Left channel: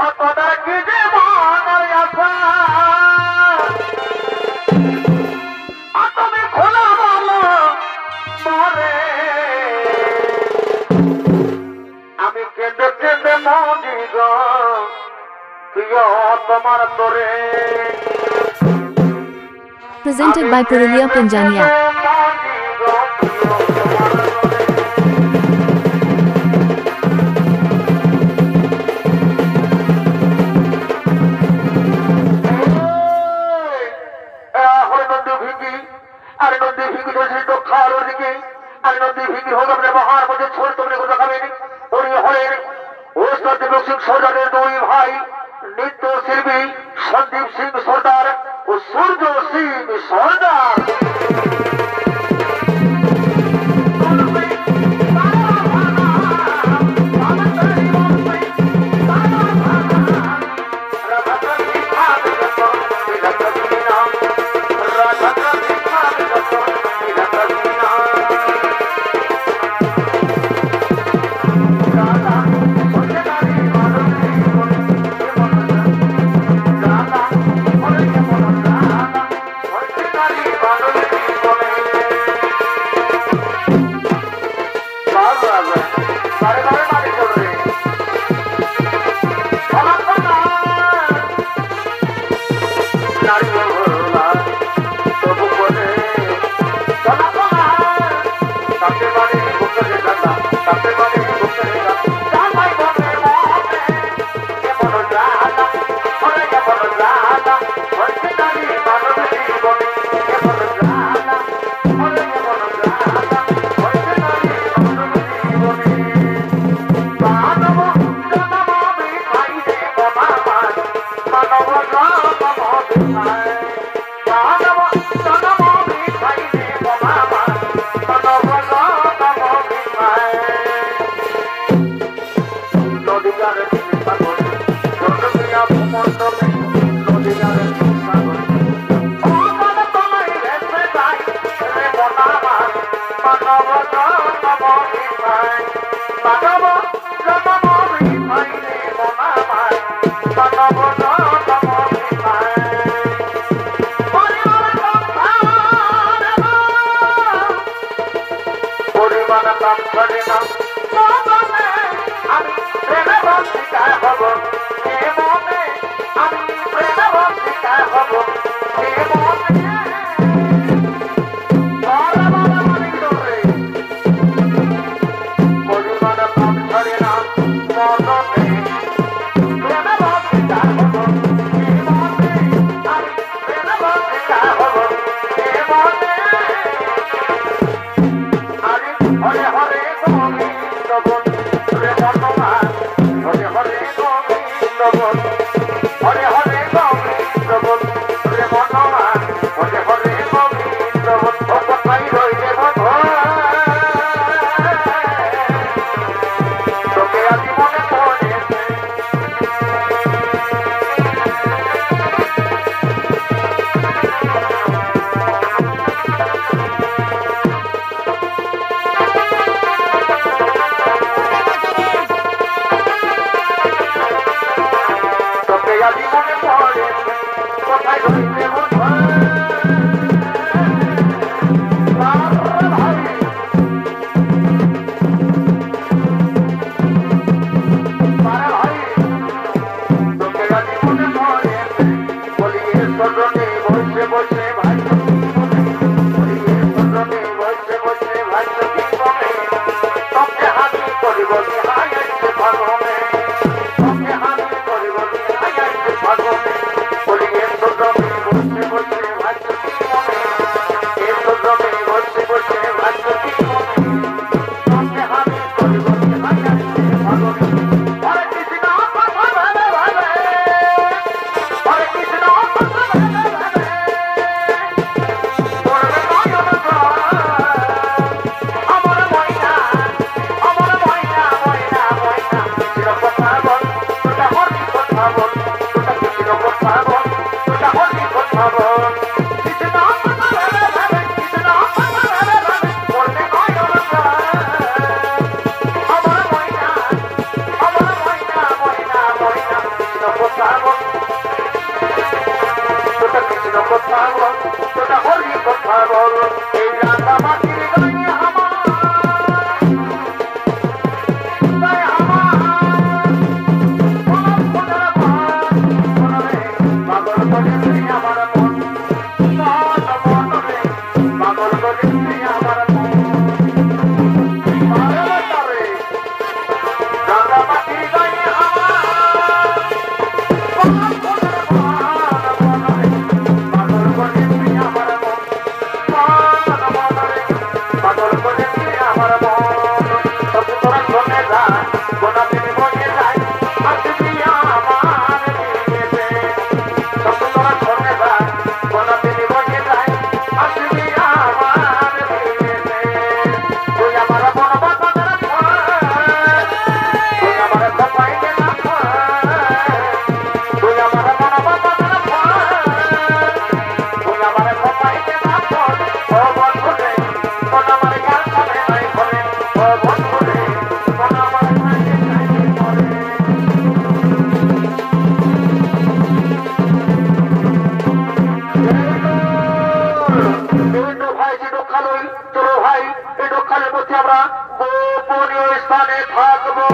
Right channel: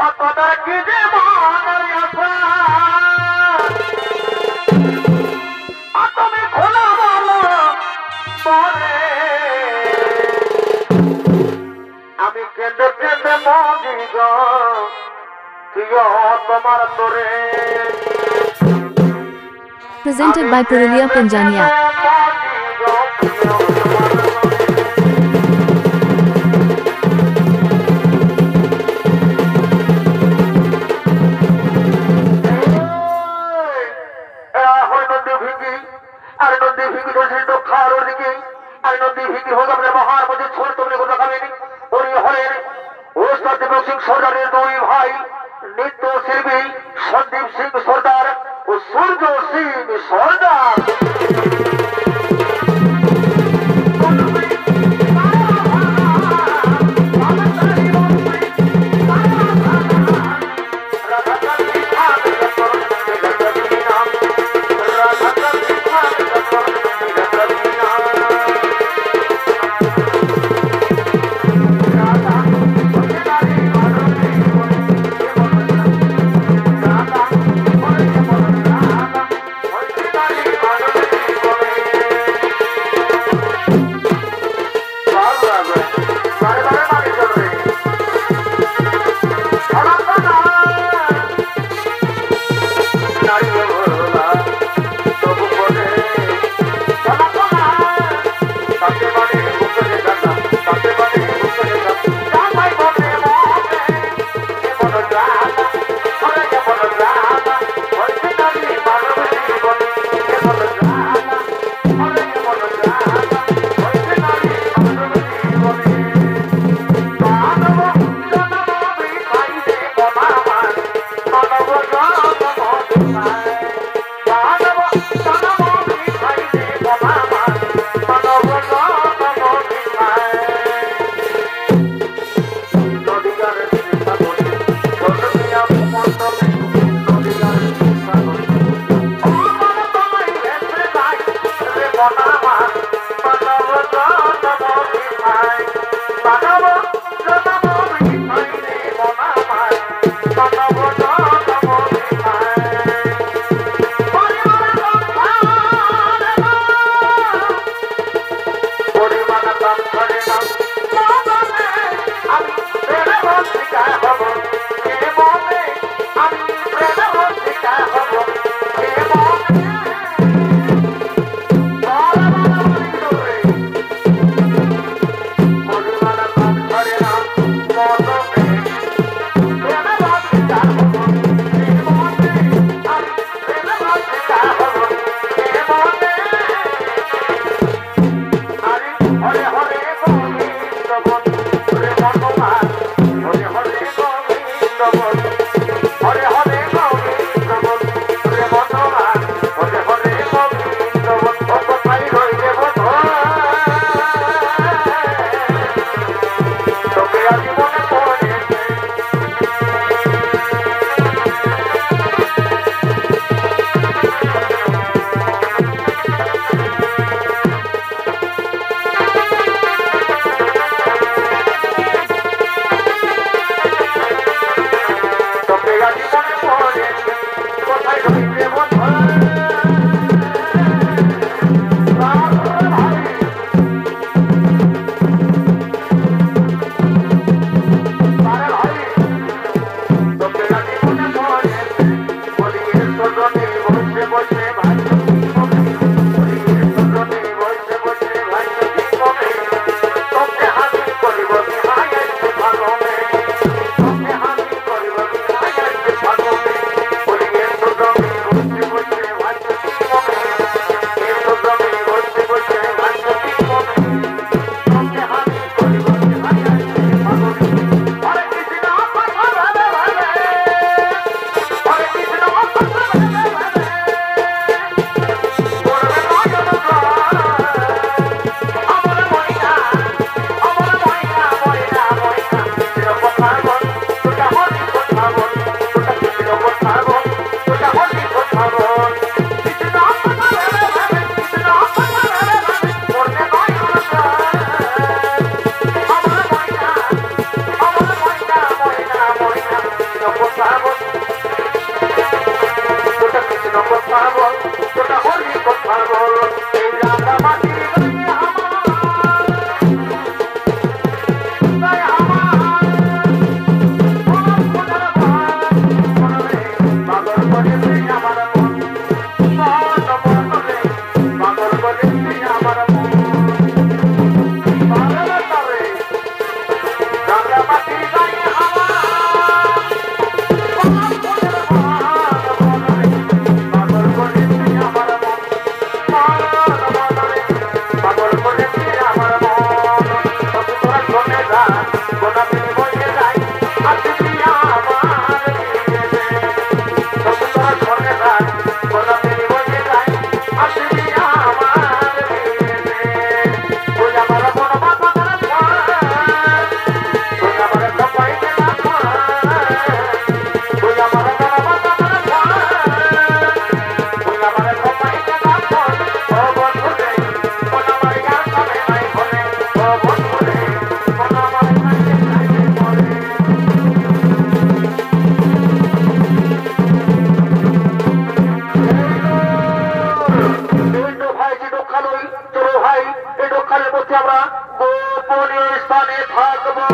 তোদের কি যে মনের আশা তুমি খোলা বলো পরে আমি কেঁদে কেঁদে মজি গো প্রিয় তোমার তোরে Presented by Purulia Pinjania. সর্দারের দুই ভাই নৃত্য শিল্পী সন্দীপ সিং সর্দার ও সূর্য সিং সর্দার ভাগ্য কথা বল তোটা কৃষ্ণ কথা বল তোটা হরি কথা বল এই রাঙা মাটির গায়ে আমার গায়ে আমার মন খোঁজার ভান মনরে পাগল করে তুই আমার মন মন মনরে পাগল করে তুই আমার মন পাগল তারে রাঙা মাটির গায়ে আমার মন খোঁজার ভান মনরে পাগল করে তুই আমার মন মন মনরে পাগল করে তুই আমার মন সবু তোর সঙ্গে যায় গোটা তিনি বসে যায় আর তুই আমার বিয়েতে সবু তোর সঙ্গে যায় গোটা তিনি বসে যায় আর তুই আমার বিয়েতে তুই আমার মন বাঁচানোর ভয় তুই আমার সবাইকে না তুই আমার মন বাঁচানোর ভয় তুই আমার সবাইকে না ও বন্ধুরে কোন আমার গান শুনে নাই হলে ও বন্ধুরে কোন আমার গানে গাইতে বলে এই তো ভাই যে ডোখালই চলো ভাই এই ডোখালের মধ্যে আমরা গোপনীয় স্থানে থাকবো